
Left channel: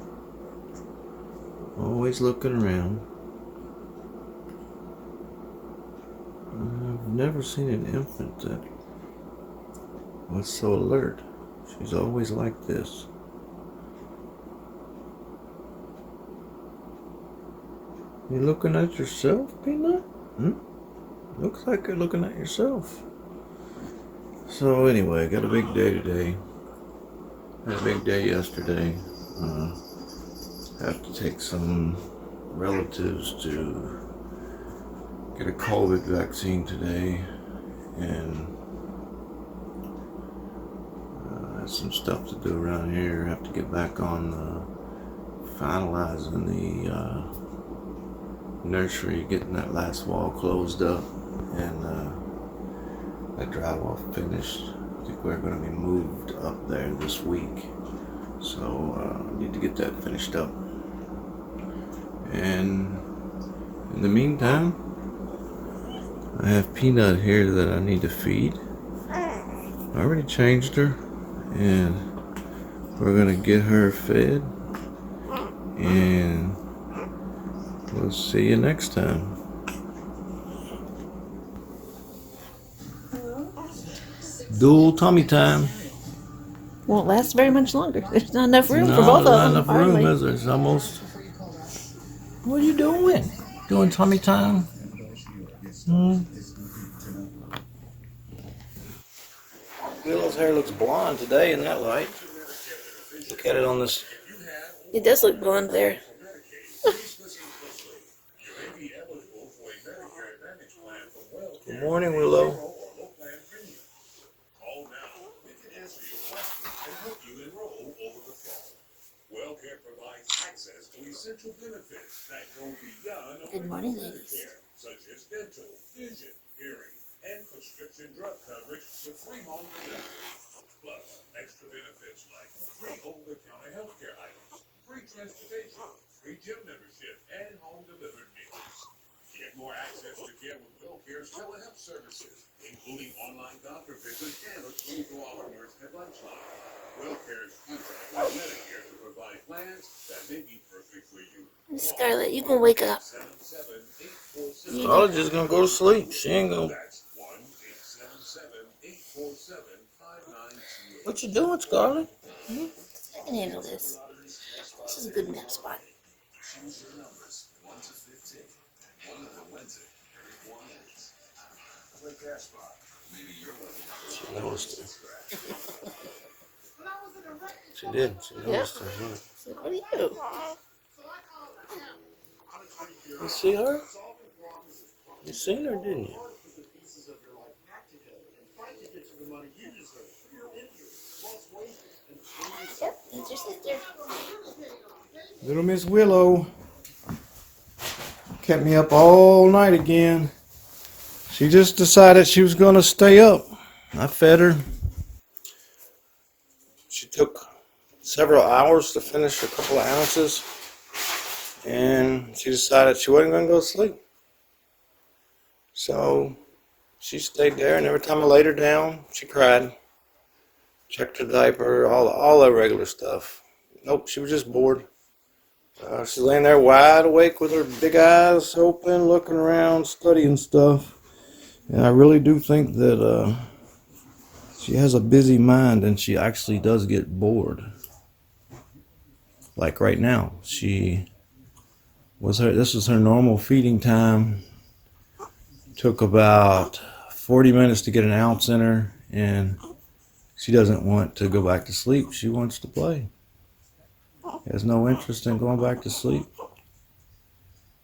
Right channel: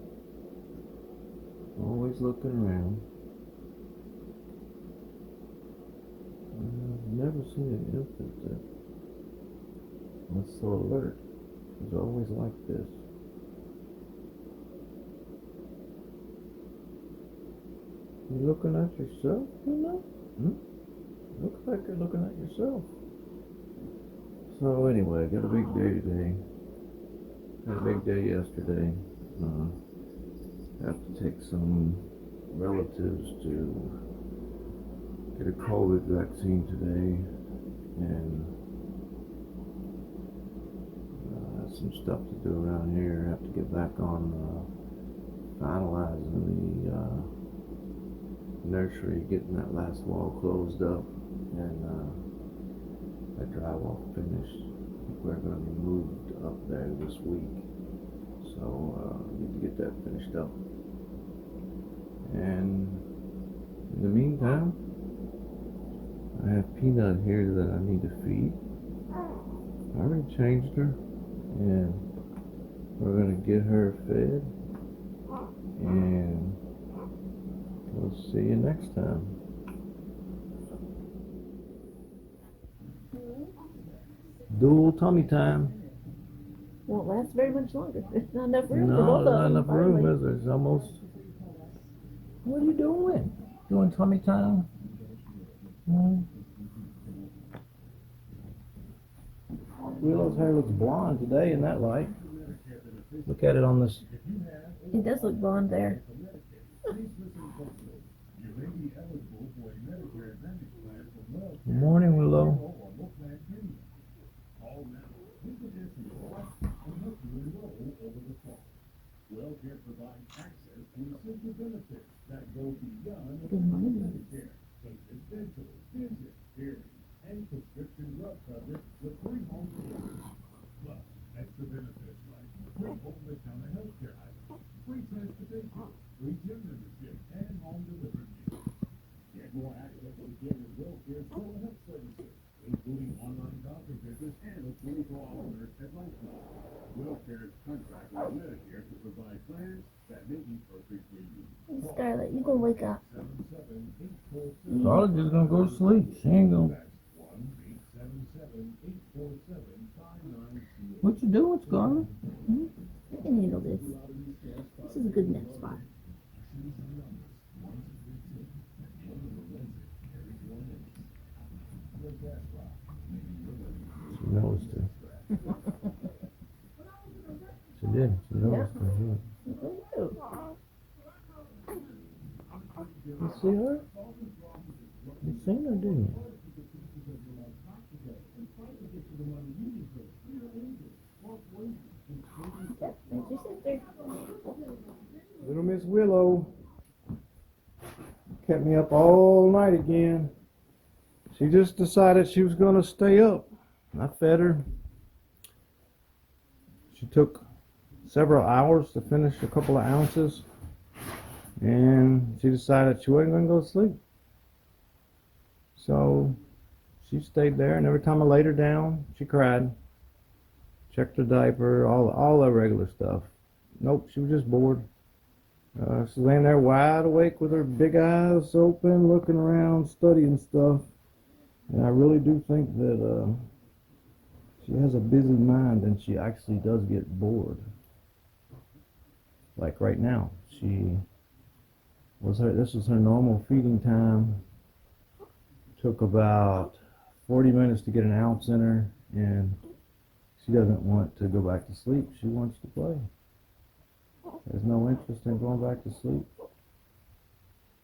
Always looking around. I've never seen an infant that was so alert. She's always like this. You looking at yourself, Peanut? Looks like you're looking at yourself. So anyway, got a big day today. Had a big day yesterday. Have to take some relatives to get a COVID vaccine today, and have some stuff to do around here. Have to get back on finalizing the nursery, getting that last wall closed up, and that drywall finished. I think we're going to be moved up there this week, so need to get that finished up. And in the meantime, I have Peanut here that I need to feed. I already changed her, and we're gonna get her fed, and we'll see you next time. Dual tummy time. Won't last very much longer. There's not enough room for No, both there's of not them. enough room, hardly. is there? It's almost. What are you doing? Doing tummy time? Willow's hair looks blonde today in that light. Look at it on this. It does look blonde there. Good morning, Willow. Call now. We can answer your questions and help you enroll over the phone. WellCare provides access to essential benefits that go beyond Good morning, ladies. care, such as dental, vision, hearing, and prescription drug coverage with free home delivery. Plus, extra benefits like free over-the-counter healthcare items, free transportation, free gym membership, and home delivered meals. Get more access to care with WellCare's telehealth services, including online doctor visits and a 24-hour nurse advice line. WellCare's contract with Medicare to provide plans that may be perfect for you. Scarlett, you gonna wake up. 77847. Scarlett's just gonna go to sleep. She ain't gonna. That's 1-877-847-5928. What you doing, Scarlett? I can handle this. This is a good nap spot. Choose your numbers 1 to 15. One of the Wednesday every 4 minutes. The gas spot. Maybe you're She noticed her. She did. She noticed her. Yeah. What do you do? You see her? You seen her, didn't you? Yep, that's your sister. Little Miss Willow kept me up all night again. She just decided she was going to stay up. I fed her. She took several hours to finish a couple of ounces, and she decided she wasn't going to go to sleep. So she stayed there, and every time I laid her down, she cried. Checked her diaper, all the regular stuff. Nope, she was just bored. She's laying there wide awake with her big eyes open, looking around, studying stuff. And I really do think that she has a busy mind, and she actually does get bored. Like right now, this was her normal feeding time. Took about 40 minutes to get an ounce in her, and she doesn't want to go back to sleep. She wants to play. Has no interest in going back to sleep.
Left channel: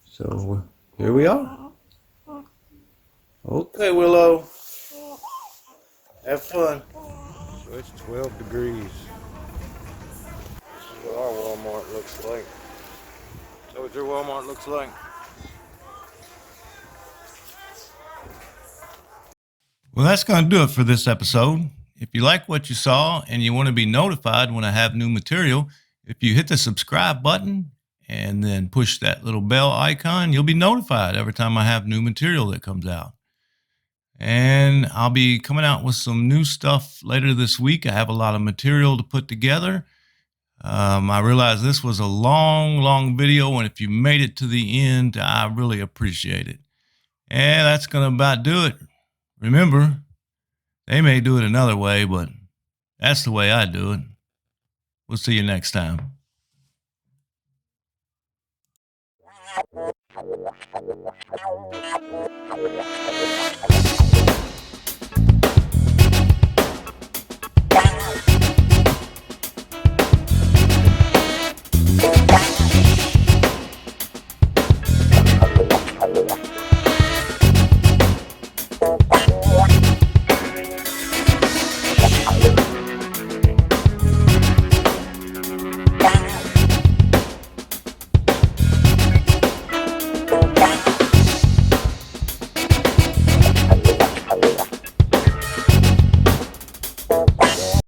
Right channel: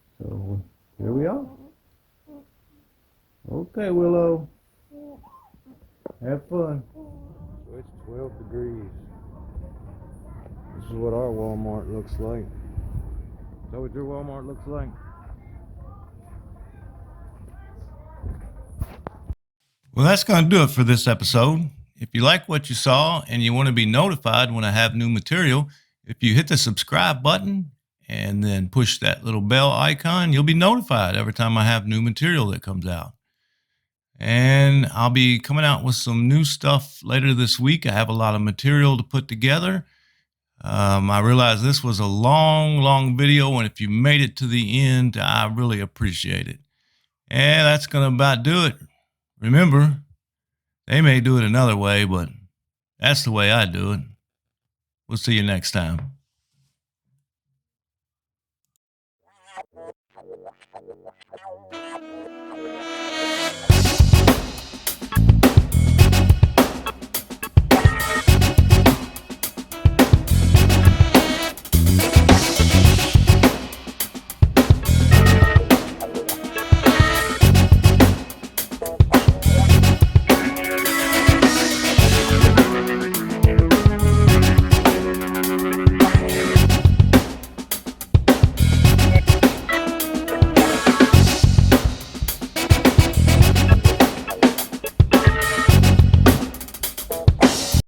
So here we are. Okay, Willow. Have fun. So it's 12 degrees. This is what our Walmart looks like. Is that what your Walmart looks like? Well, that's going to do it for this episode. If you like what you saw and you want to be notified when I have new material, if you hit the subscribe button and then push that little bell icon, you'll be notified every time I have new material that comes out. And I'll be coming out with some new stuff later this week. I have a lot of material to put together. I realize this was a long video, and if you made it to the end, I really appreciate it. And that's going to about do it. Remember, they may do it another way, but that's the way I do it. We'll see you next time.